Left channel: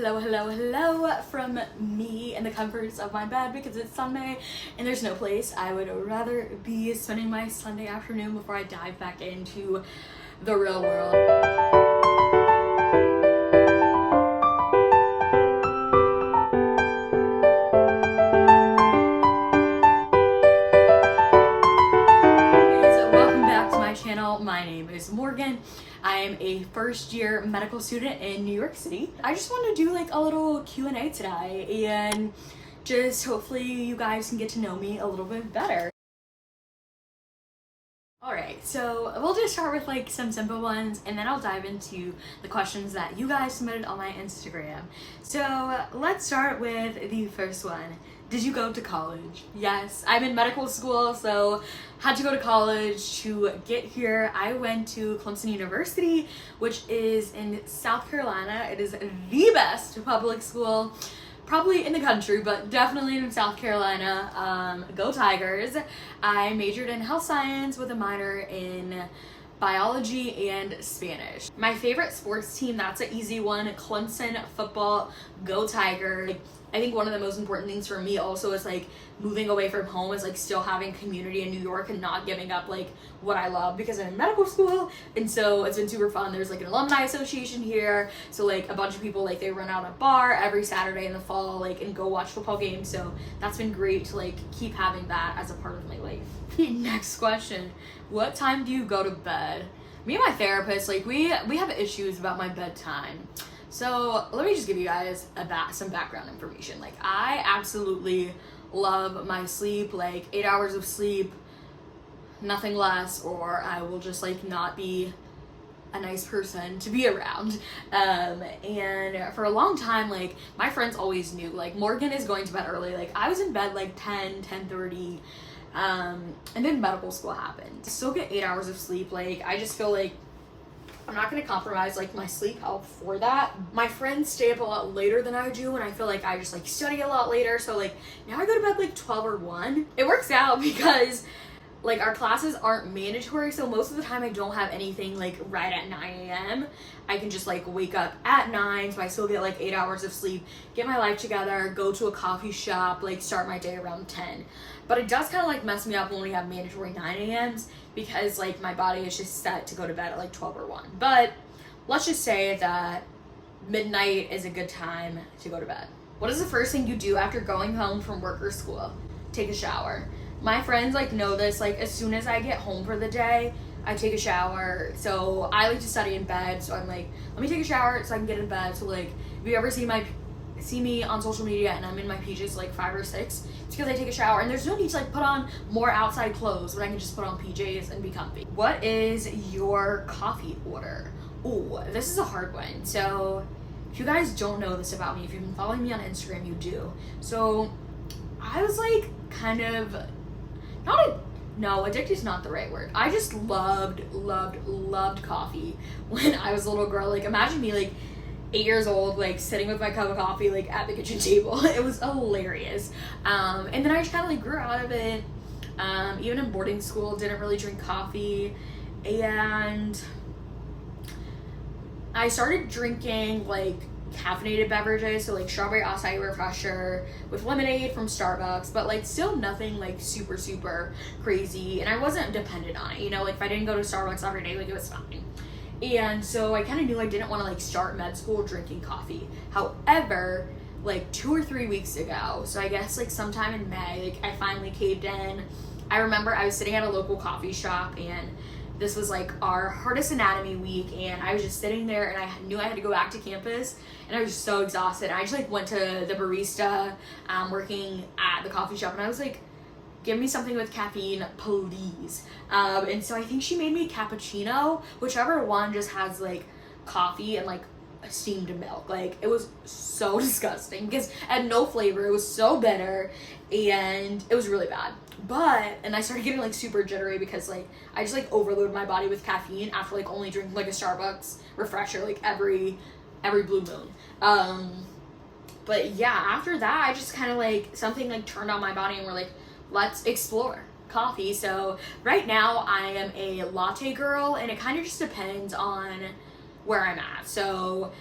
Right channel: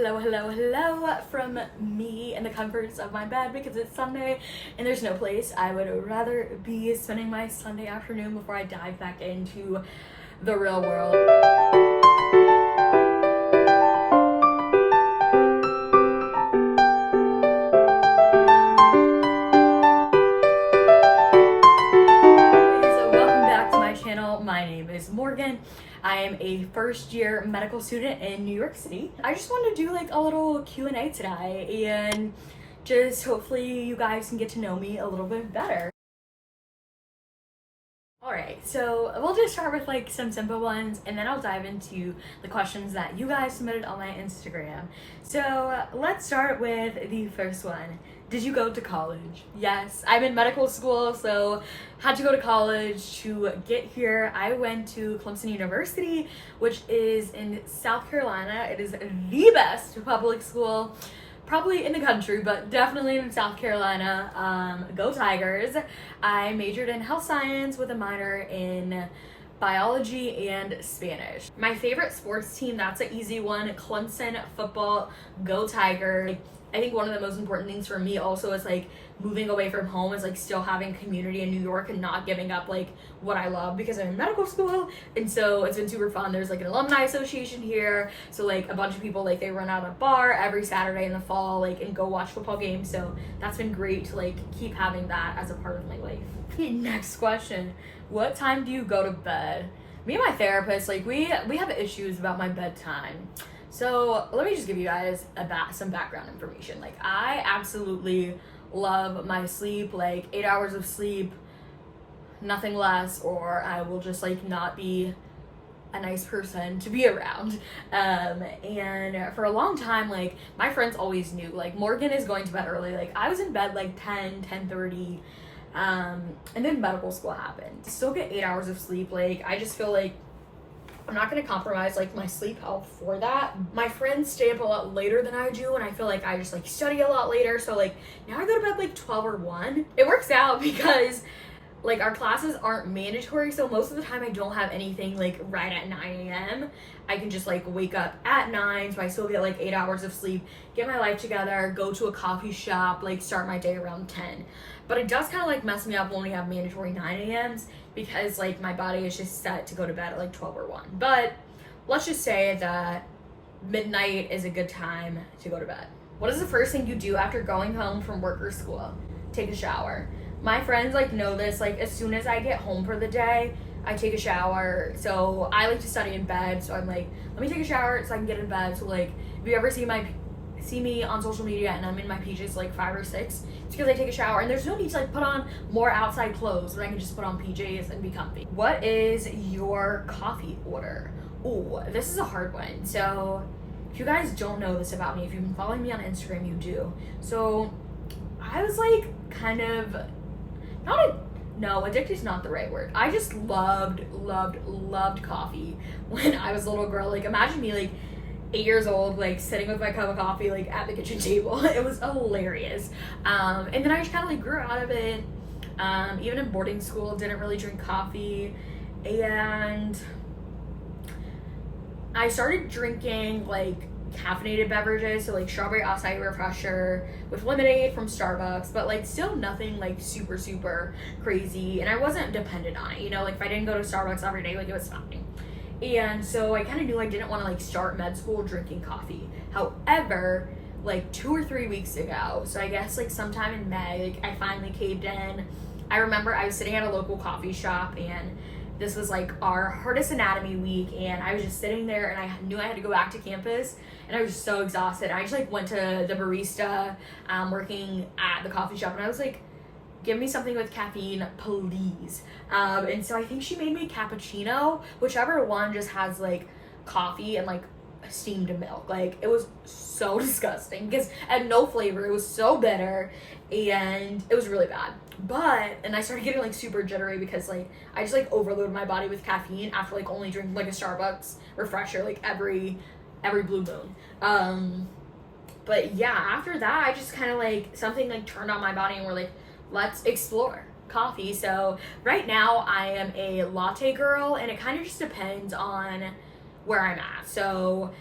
Hello from me in the comforts of my bed because it's Sunday and there's no place I would rather be spending my Sunday afternoon before I dive back into the real world. Welcome back to my channel. My name is Morgan. I am a first year medical student in New York City. I just wanted to do like a little Q&A today and just hopefully you guys can get to know me a little bit better. Alright, so we'll just start with like some simple ones and then I'll dive into the questions that you guys submitted on my Instagram. So let's start with the first one. Did you go to college? Yes, I'm in medical school, so had to go to college to get here. I went to Clemson University, which is in South Carolina. It is the best public school, probably in the country, but definitely in South Carolina. Go Tigers. I majored in health science with a minor in biology and Spanish. My favorite sports team, that's an easy one, Clemson football. Go Tigers. I think one of the most important things for me also is like moving away from home is like still having community in New York and not giving up like what I love because I'm in medical school, and so it's been super fun. There's like an alumni association here, so like a bunch of people like they run out a bar every Saturday in the fall like and go watch football games, so that's been great to like keep having that as a part of my life. Next question, what time do you go to bed? Me and my therapist, like we have issues about my bedtime. So let me just give you guys some background information. Like I absolutely love my sleep, like 8 hours of sleep, nothing less, or I will just like not be a nice person to be around. And for a long time, like my friends always knew like Morgan is going to bed early. Like I was in bed like 10:30, and then medical school happened. I still get 8 hours of sleep. Like I just feel like I'm not gonna compromise like my sleep health for that. My friends stay up a lot later than I do, and I feel like I just like study a lot later. So like now I go to bed like 12 or 1. It works out because like our classes aren't mandatory, so most of the time I don't have anything like right at 9 a.m. I can just like wake up at 9, so I still get like 8 hours of sleep, get my life together, go to a coffee shop, like start my day around 10. But it does kind of like mess me up when we have mandatory 9 a.m.s because like my body is just set to go to bed at like 12 or 1. But let's just say that midnight is a good time to go to bed. What is the first thing you do after going home from work or school? Take a shower. My friends like know this, like as soon as I get home for the day, I take a shower. So I like to study in bed, so I'm like, let me take a shower so I can get in bed. So like if you ever see me on social media and I'm in my PJs like 5 or 6, it's because I take a shower and there's no need to like put on more outside clothes when I can just put on PJs and be comfy. What is your coffee order? Oh, this is a hard one. So if you guys don't know this about me, if you've been following me on Instagram, you do. So I was like kind of addicted is not the right word. I just loved coffee when I was a little girl. Like imagine me like 8 years old, like sitting with my cup of coffee like at the kitchen table. It was hilarious. And then I just kind of like grew out of it. Even in boarding school, didn't really drink coffee, and I started drinking like caffeinated beverages, so like strawberry acai refresher with lemonade from Starbucks, but like still nothing like super crazy, and I wasn't dependent on it, you know, like if I didn't go to Starbucks every day, like it was fine. And so I kind of knew I didn't want to like start med school drinking coffee. However, like 2 or 3 weeks ago, so I guess like sometime in May, like I finally caved in. I remember I was sitting at a local coffee shop and this was like our hardest anatomy week, and I was just sitting there and I knew I had to go back to campus and I was just so exhausted. I just like went to the barista working at the coffee shop and I was like, give me something with caffeine, please. And so I think she made me cappuccino, whichever one just has like coffee and like steamed milk. Like it was so disgusting because it had no flavor. It was so bitter and it was really bad. And I started getting like super jittery because like I just like overloaded my body with caffeine after like only drinking like a Starbucks refresher like every blue moon. But yeah, after that I just kind of like something like turned on my body and we're like, let's explore coffee. So right now I am a latte girl, and it kind of just depends on where I'm at. So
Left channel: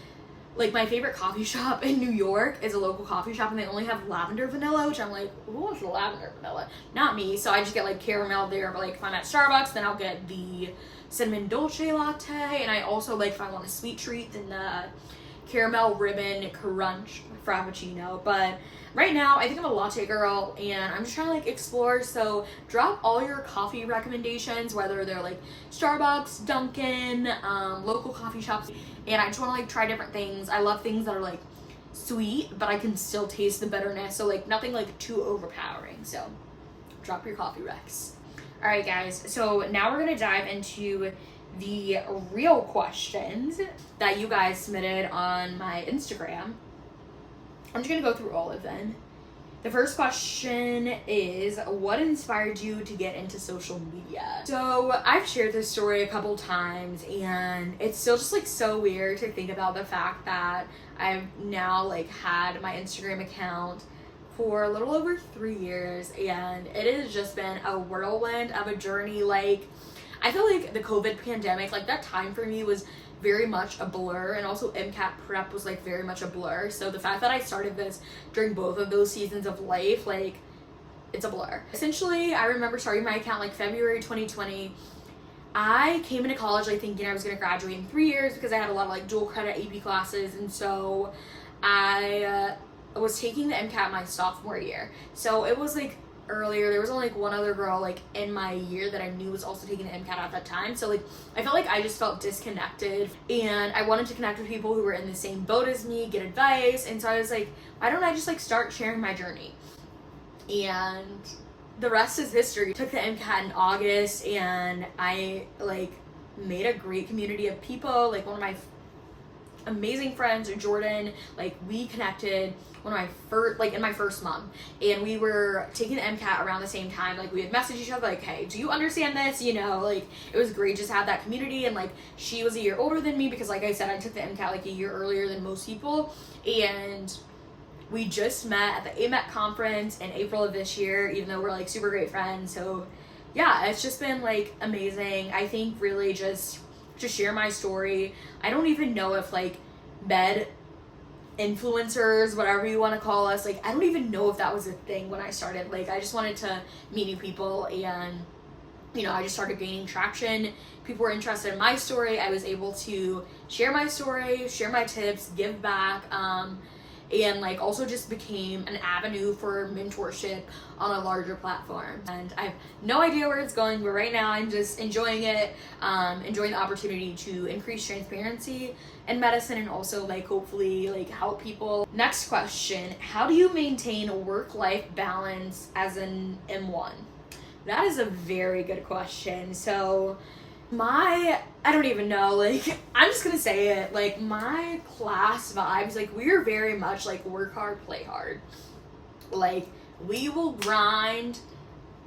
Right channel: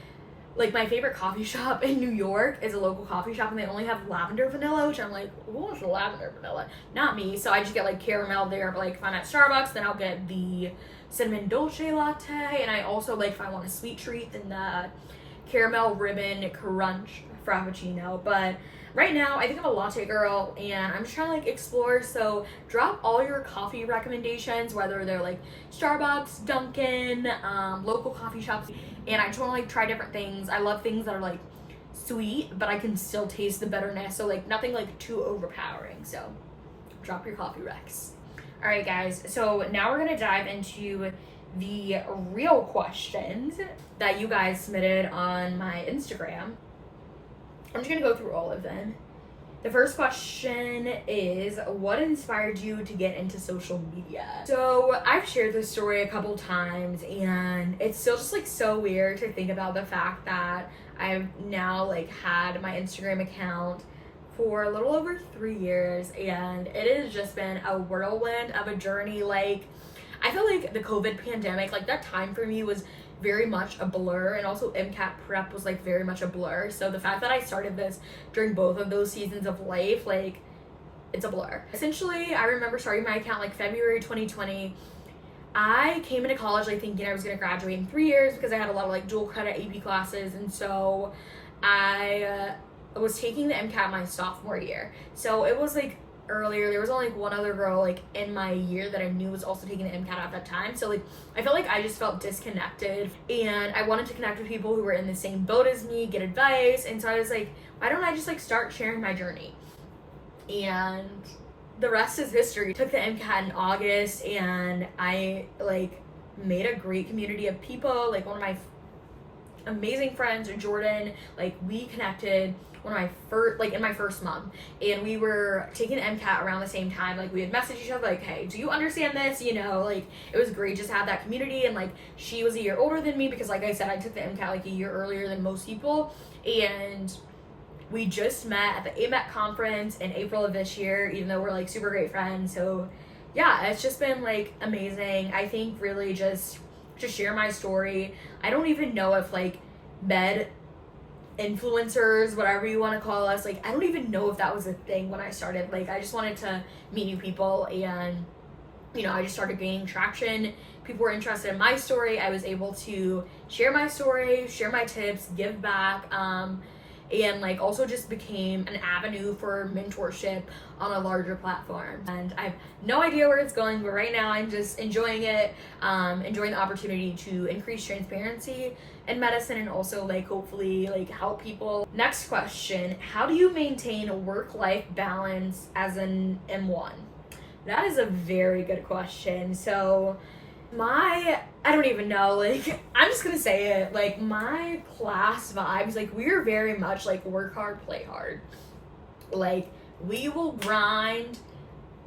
Like, my favorite coffee shop in New York is a local coffee shop, and they only have lavender vanilla, which I'm like, who wants lavender vanilla? Not me. So I just get like caramel there, but like if I'm at Starbucks, then I'll get the cinnamon dolce latte. And I also like, if I want a sweet treat, then the caramel ribbon crunch frappuccino. But right now, I think I'm a latte girl, and I'm just trying to like explore. So drop all your coffee recommendations, whether they're like Starbucks, Dunkin', local coffee shops. And I just want to like try different things. I love things that are like sweet, but I can still taste the bitterness. So like nothing like too overpowering. So drop your coffee recs. All right, guys. So now we're going to dive into the real questions that you guys submitted on my Instagram. I'm just going to go through all of them. The first question is, what inspired you to get into social media? So I've shared this story a couple times, and it's still just like so weird to think about the fact that I've now like had my Instagram account for a little over 3 years, and it has just been a whirlwind of a journey. Like, I feel like the COVID pandemic, like that time for me was very much a blur, and also MCAT prep was like very much a blur. So the fact that I started this during both of those seasons of life, like, it's a blur. Essentially, I remember starting my account like February 2020. I came into college like thinking I was gonna graduate in 3 years because I had a lot of like dual credit AP classes, and so I was taking the MCAT my sophomore year. So it was like earlier, there was only like one other girl like in my year that I knew was also taking the MCAT at that time. So like I felt like I just felt disconnected, and I wanted to connect with people who were in the same boat as me, get advice. And so I was like, why don't I just like start sharing my journey? And the rest is history. I took the MCAT in August, and I like made a great community of people. Like one of my amazing friends, Jordan, like we connected one of my first, like in my first month, and we were taking the MCAT around the same time. Like we had messaged each other like, hey, do you understand this? You know, like it was great just to have that community. And like she was a year older than me because like I said, I took the MCAT like a year earlier than most people, and we just met at the AMET conference in April of this year, even though we're like super great friends. So yeah, it's just been like amazing. I think really just to share my story. I don't even know if like med influencers, whatever you want to call us, like I don't even know if that was a thing when I started. Like I just wanted to meet new people, and you know, I just started gaining traction. People were interested in my story. I was able to share my story, share my tips, give back, and like also just became an avenue for mentorship on a larger platform. And I have no idea where it's going, but right now I'm just enjoying it, enjoying the opportunity to increase transparency in medicine, and also like hopefully like help people. Next question, how do you maintain work-life balance as an M1? That is a very good question. So I don't even know, like I'm just gonna say it, like my class vibes, like we're very much like work hard, play hard. Like we will grind,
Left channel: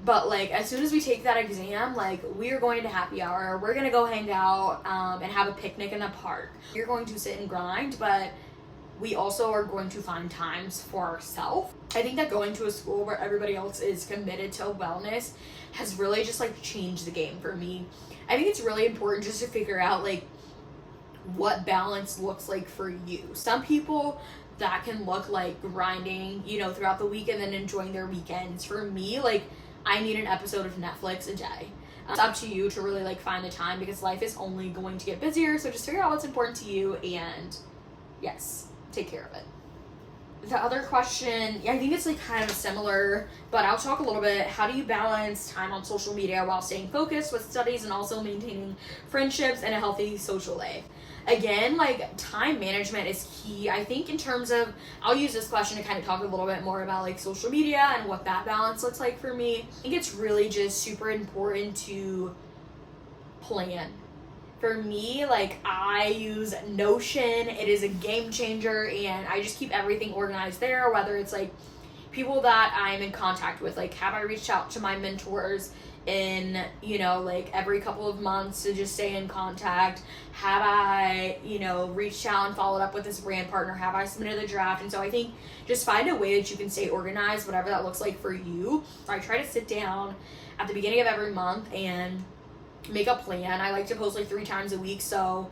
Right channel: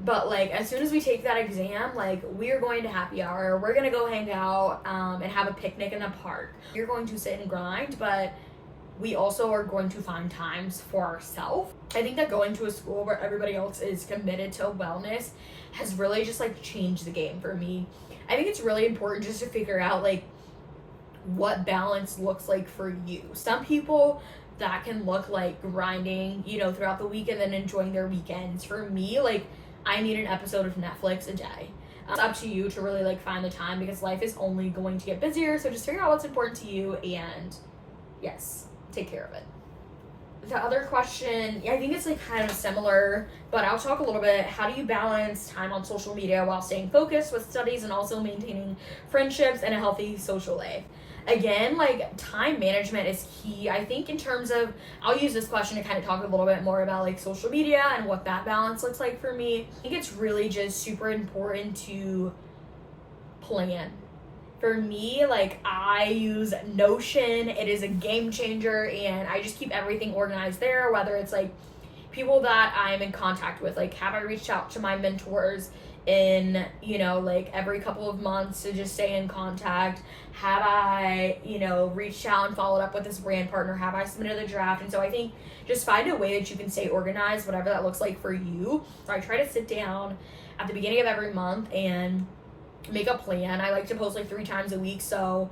but like as soon as we take that exam, like we are going to happy hour, we're gonna go hang out and have a picnic in the park. You're going to sit and grind, but we also are going to find times for ourselves. I think that going to a school where everybody else is committed to wellness has really just like changed the game for me. I think it's really important just to figure out like what balance looks like for you. Some people, that can look like grinding, you know, throughout the week and then enjoying their weekends. For me, like I need an episode of Netflix a day. It's up to you to really like find the time, because life is only going to get busier. So just figure out what's important to you, and yes, take care of it. The other question, I think it's like kind of similar, but I'll talk a little bit. How do you balance time on social media while staying focused with studies and also maintaining friendships and a healthy social life? Again, like time management is key. I think in terms of, I'll use this question to kind of talk a little bit more about like social media and what that balance looks like for me. I think it's really just super important to plan. For me, like I use Notion. It is a game changer, and I just keep everything organized there, whether it's like people that I'm in contact with, like have I reached out to my mentors in, you know, like every couple of months to just stay in contact? Have I, you know, reached out and followed up with this brand partner? Have I submitted the draft? And so I think just find a way that you can stay organized, whatever that looks like for you. So I try to sit down at the beginning of every month and make a plan. I like to post like 3 times a week, so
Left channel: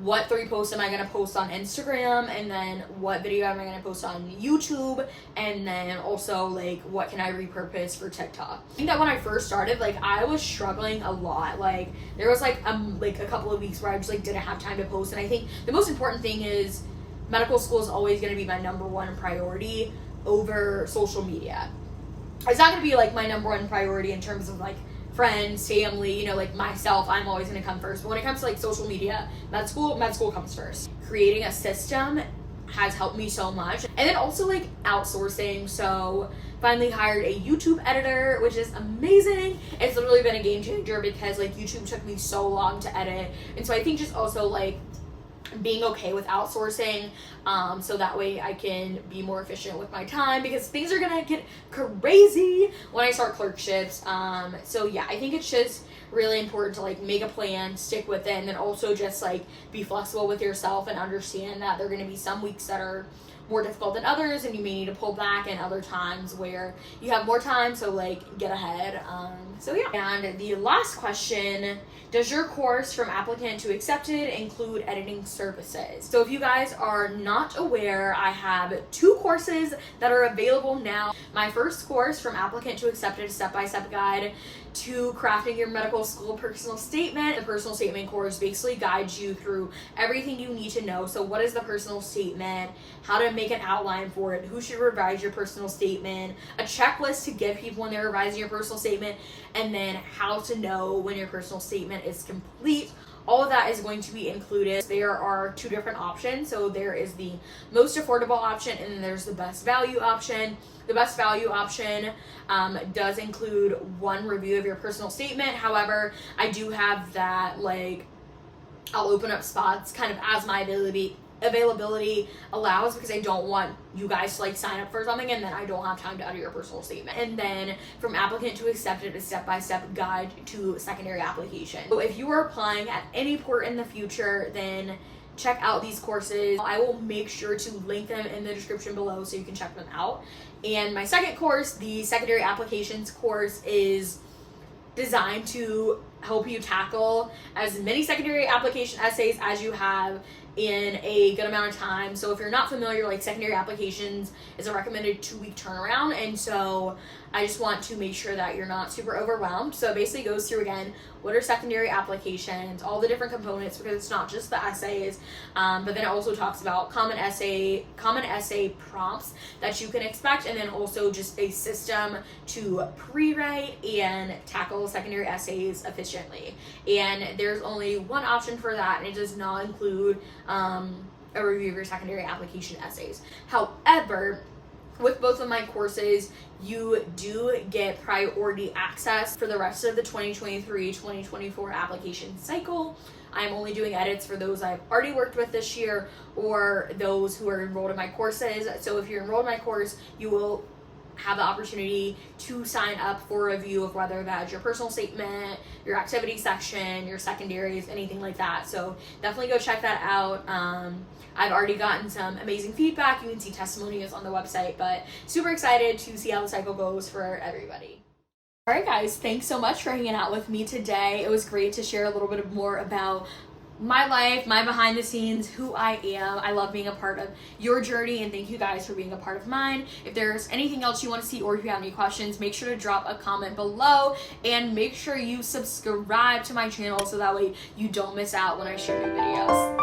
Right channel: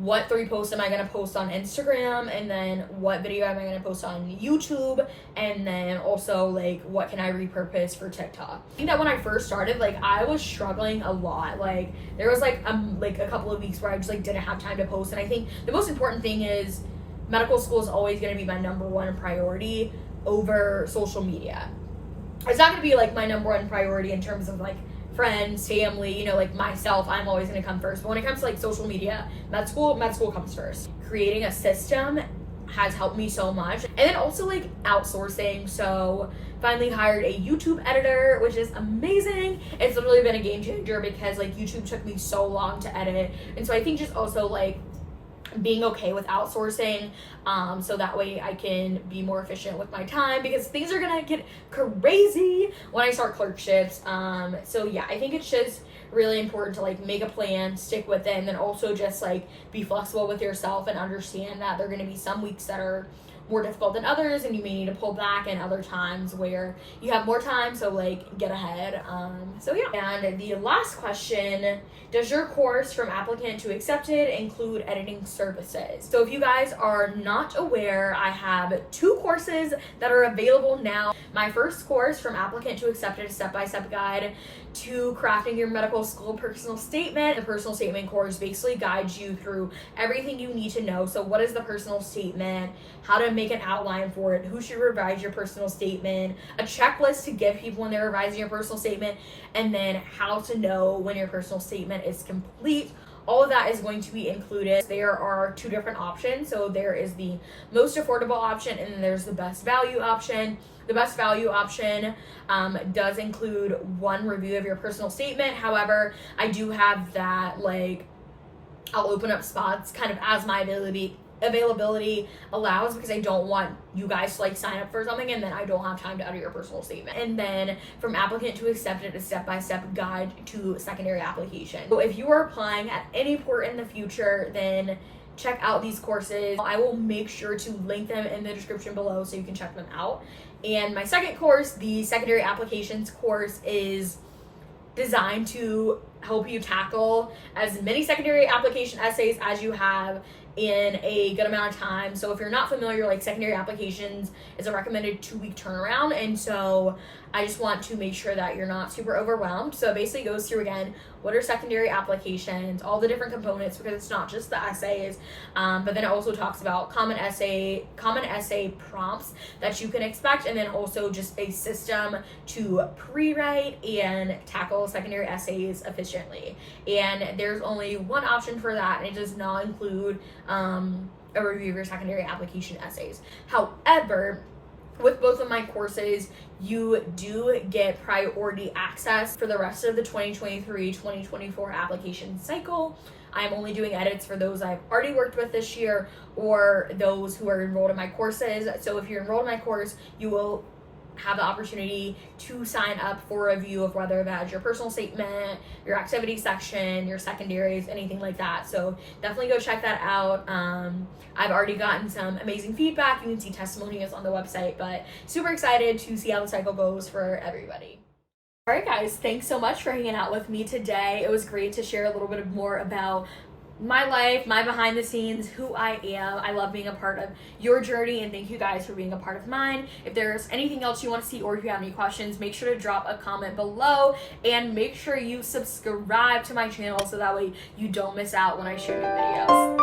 what 3 posts am I going to post on Instagram, and then what video am I going to post on YouTube, and then also like what can I repurpose for TikTok. I think that when I first started, like I was struggling a lot. Like there was like a couple of weeks where I just like didn't have time to post, and I think the most important thing is medical school is always going to be my number one priority over social media. It's not going to be like my number one priority in terms of like friends, family, you know, like myself, I'm always going to come first. But when it comes to like social media, med school comes first. Creating a system has helped me so much. And then also like outsourcing. So finally hired a YouTube editor, which is amazing. It's literally been a game changer because like YouTube took me so long to edit. And so I think just also like being okay with outsourcing, so that way I can be more efficient with my time, because things are gonna get crazy when I start clerkships. So yeah, I think it's just really important to like make a plan, stick with it, and then also just like be flexible with yourself and understand that there are gonna be some weeks that are more difficult than others and you may need to pull back, and other times where you have more time, so like get ahead. So yeah. And the last question, does your course from applicant to accepted include editing services? So if you guys are not aware, I have 2 courses that are available now. My first course, from applicant to accepted, step-by-step guide to crafting your medical school personal statement. The personal statement course basically guides you through everything you need to know. So what is the personal statement, how to make an outline for it, who should revise your personal statement, a checklist to give people when they're revising your personal statement, and then how to know when your personal statement is complete. All of that is going to be included. There are 2 different options. So there is the most affordable option, and then there's the best value option. The best value option does include 1 review of your personal statement. However, I do have that, like, I'll open up spots kind of as my availability allows, because I don't want you guys to like sign up for something and then I don't have time to edit your personal statement. And then from applicant to accepted, a step-by-step guide to secondary application. So if you are applying at any point in the future, then check out these courses. I will make sure to link them in the description below so you can check them out. And my second course, the secondary applications course, is designed to help you tackle as many secondary application essays as you have in a good amount of time. So if you're not familiar, like secondary applications is a recommended 2-week turnaround, and so I just want to make sure that you're not super overwhelmed. So it basically goes through, again, what are secondary applications, all the different components, because it's not just the essays, but then it also talks about common essay prompts that you can expect, and then also just a system to pre-write and tackle secondary essays efficiently. And there's only 1 option for that, and it does not include a review of your secondary application essays. However, with both of my courses, you do get priority access for the rest of the 2023-2024 application cycle. I'm only doing edits for those I've already worked with this year or those who are enrolled in my courses. So if you're enrolled in my course, you will have the opportunity to sign up for a review of whether that's your personal statement, your activity section, your secondaries, anything like that. So definitely go check that out. I've already gotten some amazing feedback. You can see testimonials on the website, but super excited to see how the cycle goes for everybody. All right, guys, thanks so much for hanging out with me today. It was great to share a little bit more about my life, my behind the scenes, who I am. I love being a part of your journey, and thank you guys for being a part of mine. If there's anything else you want to see, or if you have any questions, make sure to drop a comment below, and make sure you subscribe to my channel so that way you don't miss out when I share new videos.